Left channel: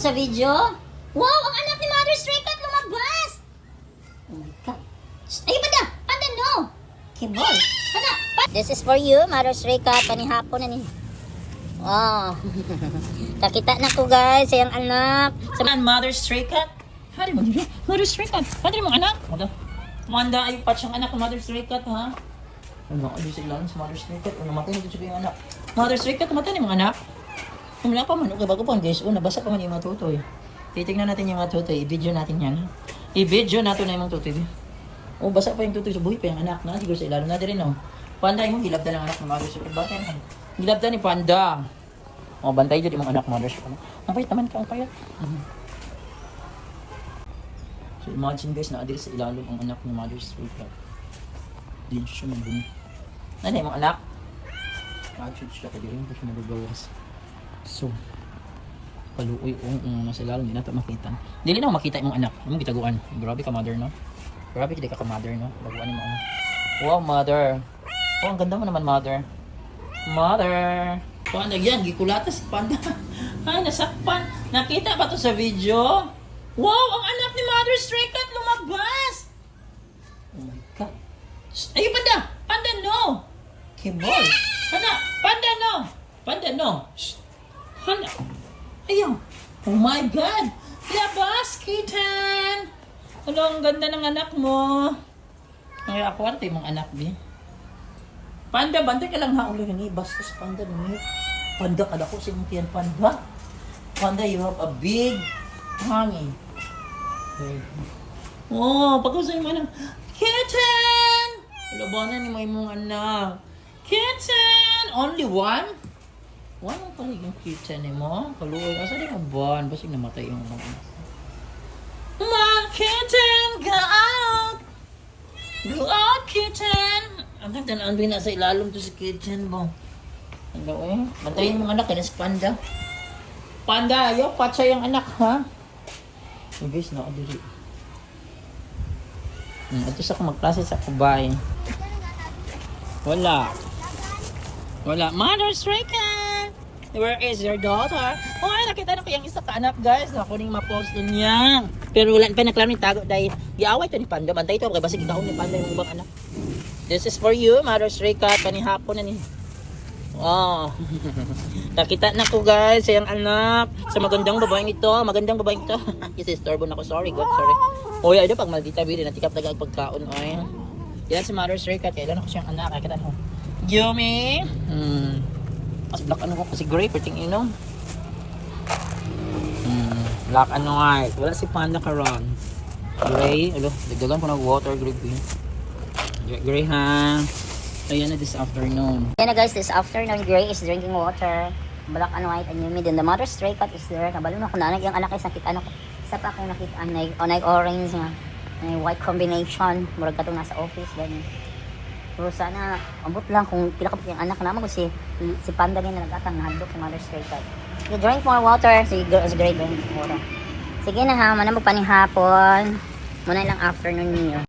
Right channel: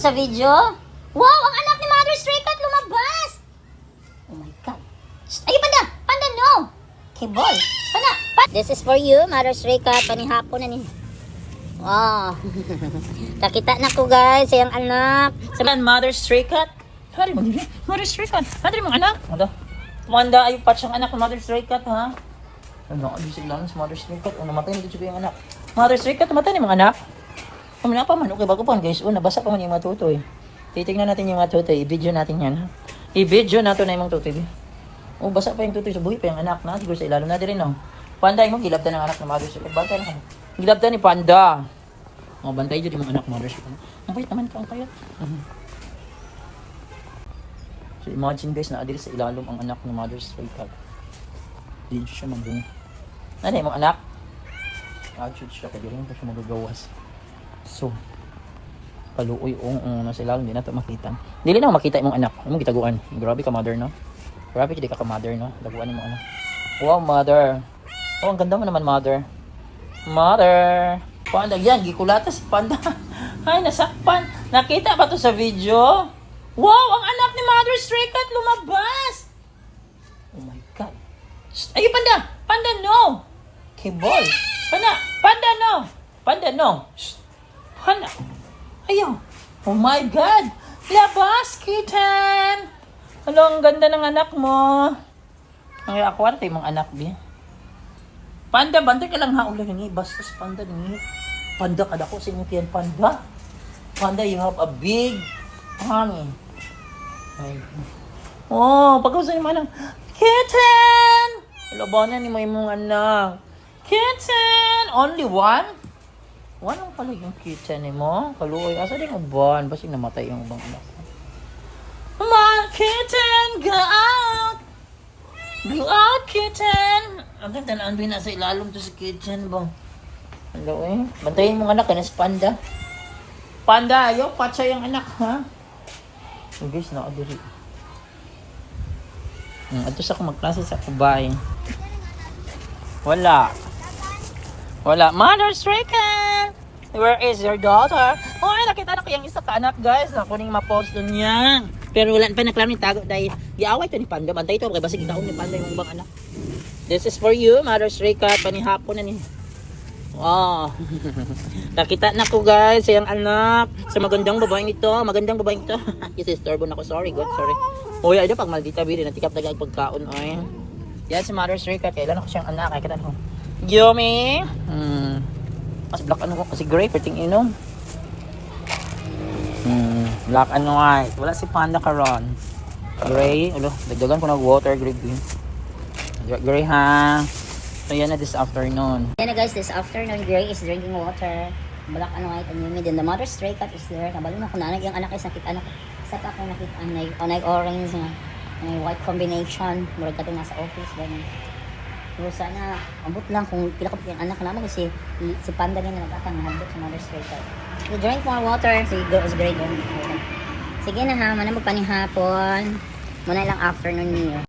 to sa video? Wow! Ang anak ni Mother Stray Cat lumabas! Oh my God. Shh, ay, panda! Panda, no! Kibol! Panda! This is for you, Mother Stray Cat. Panihapon na ni. Wow! Kakita na ko, guys, sa iyang anak. Sa Mother Stray Cat. Hari mo nila. Mother Stray Cat. Hari mo anak. Ano? Tumanda ay patch ang anak ng Mother Stray Cat, ha? Ano? Ano sila sa Mother Stray Cat? Ano matay nito siya yung anak? Mother Stray Cat, tumatay ng mga anak? Wala pa man. Okay, bago pa guys. Nabasa pa man yung mga tutoy. Titignan natin yung mga tutoy. I-video natin yan. I-video natin na yung mga tutoy. Basa pa yung tutoy. So, buhay pa yung anak na. Siguro sa ilalim na din, no? Panda, yung gilabda ng anak ng Mother Stray Cat. Bata na. Gilabda ni Panda. O, bantay dyan yung mga anak Mother Stray Cat. Ang payat naman ka, ang payat. So, imagine guys, na-adil sa ilalim ang anak ng Mother Stray Cat. Hindi siya nandun. Ano yung mga anak? Actually, siya kagaling ko siya magagawas. So, paluoy nasa ilalim, hindi natin makita. Dili na makita yung anak. Yung gitaguan. Grabe ka, mother, no? Grabe ka, di ka mother, no? Taguan yung anak. Wow, mother. Oh, ang ganda mo naman, mother. Mother. Panda, yan. Gikulata si Panda. Ay, nasakpan. Nakita ba to sa video? Wow, ang anak ni Mother Stray Cat lumabas. Oh my God. Ay, Panda. Panda, no. Kibol. Panda. Panda, no. Panda, no. Hana. Ayaw. Oh my God. Labas, kitten. Ano, ang ganda ng anak mo. Ay, ako ante yung mga anak niya. Panda, bantay ka lang haulo ni Bastos, Panda ni. Panda ka dako sa imong Panda. Panda, you have a big tummy. Oh, pagkaw sa imong anak. Kitten! Labanan ni mo imong anak. Kitten! Only one? One ang pala yung kitten ni mo. Kaluoy. Asa din ang buwan? Basig namatay yung ibang anak. My kitten, go out! Go out, kitten! Ang ganda na andoy na sa ilalong to sa kitten ba? Kaluoy. Bantayin mong anak ka na si Panda. Panda, ayaw. Patsa yung anak, ha? So guys, nakaduri. Ato sa akong magklase sa kubay. Wala. Wala. Mother Stray Cat! Where is your daughter? Oh, nakita na ko yung isa ka anak, guys. Nakuning ma-post din yan. Pero wala pa naklaro ni tago dahil giaway to ni Panda. Bantay ito. Kaya basig itaon ni Panda yung ibang anak. This is for you, Mother Stray Cat. Panihapon na ni. Wow. Nakita na ko, guys, sa yung anak. Sa magandang babaeng ito. Magandang babaeng ito. Isistorbo na ko. Sorry, God. Sorry. O, yan. Pag maldita bili. Natikap na pagkaon. Oy. Yan si Mother Stray Cat. Kailan ako siyang anak. Kaya kita mo. Yummy. Mas black ano ko kasi gray perting inom. Black and white. Wala si Panda karon. Gray. Alo, dagdagan ko ng water green. Gray ha. So yan na this afternoon. Yan na guys, this afternoon, Gray is drinking water. Black and white and humid. And the Mother Stray Cat is there. Kabalo na ko na yung anak ay sakit ano. Sa pa kayo nakita anay orange na. White combination. Murag ka nasa office. Ganyan. So sana, abot lang kung pila ka yung anak naman kasi si Panda din na nag-atang nahadbot sa Mother Stray Cat. You drink more water. Si girl is great. Sige na ha, manamog pa ni hapon. Muna lang afternoon niyo.